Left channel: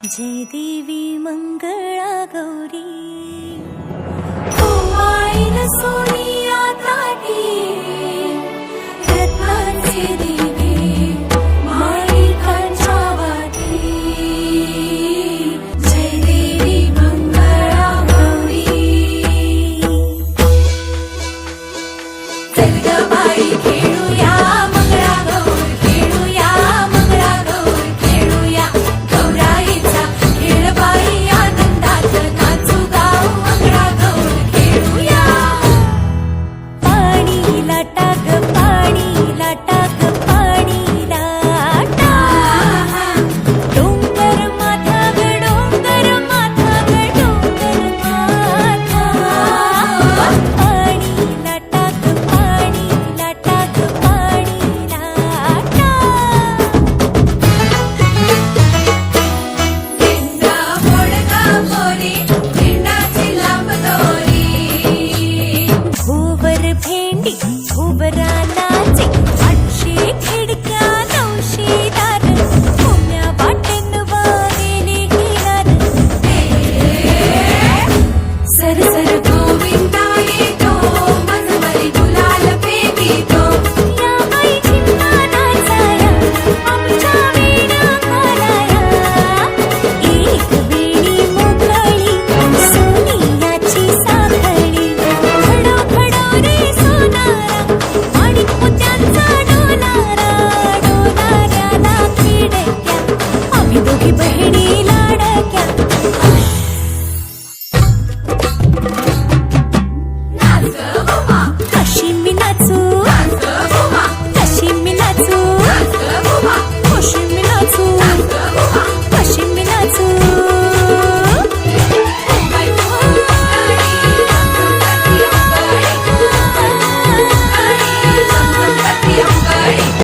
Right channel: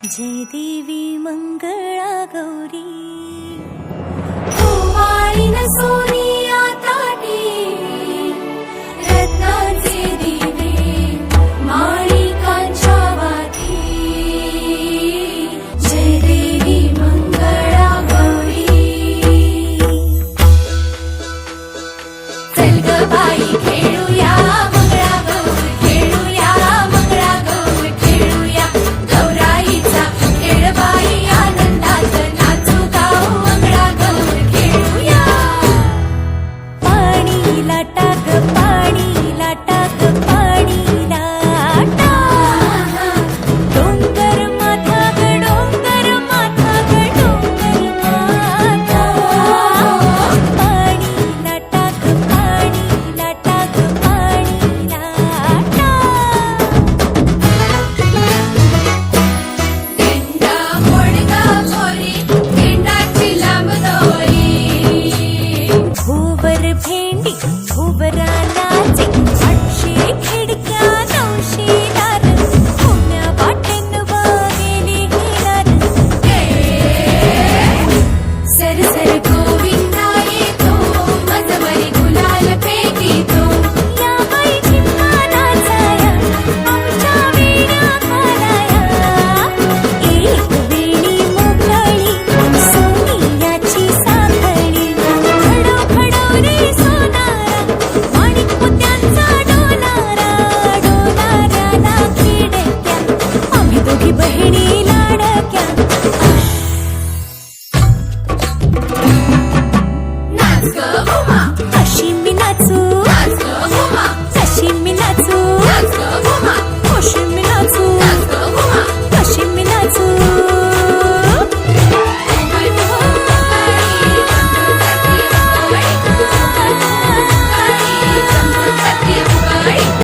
जय देवी मंगळा गौरी ओवाळीन सोनिया ताटी रत्नांचे दिवे माणिकांच्या वाटी जय देवी मंगळा गौरी चल ग बाई खेळूया मंगळागौर खेळूया मंगळागौर खेळूया गौराईचा खेळ बाई आनंदात नाचू गाव मंगळागौर खेळूया पाणी लाटा ग पाणी लाटा ग पाणी लाटा डोंगर माथा ग डोंगर माथा ग डोंगर माथा पाणी लाटा ग पाणी लाटा ग पाणी लाटा भोवर भेंडी भोवरा नाचे 800 खिडक्या 900 दार पुण्या वाटेन वागेली हिलार सर सर गोविंदाई तो मजबरी गुलाल पेटी तो या बाई झिम्मा नाचाया आमच्या वेण्या घालाया एक वेणी मोकळी सोनियाची साखळी खडो खडो रे सोनारा माणिक मोत्यांचा डोलारा डोलाऱ्याला खिडक्या आम्ही दोघी बहिणी लाडक्या कशी मी नाचू कशी मी नाचू कशी मी नाचू कशी मी नाचू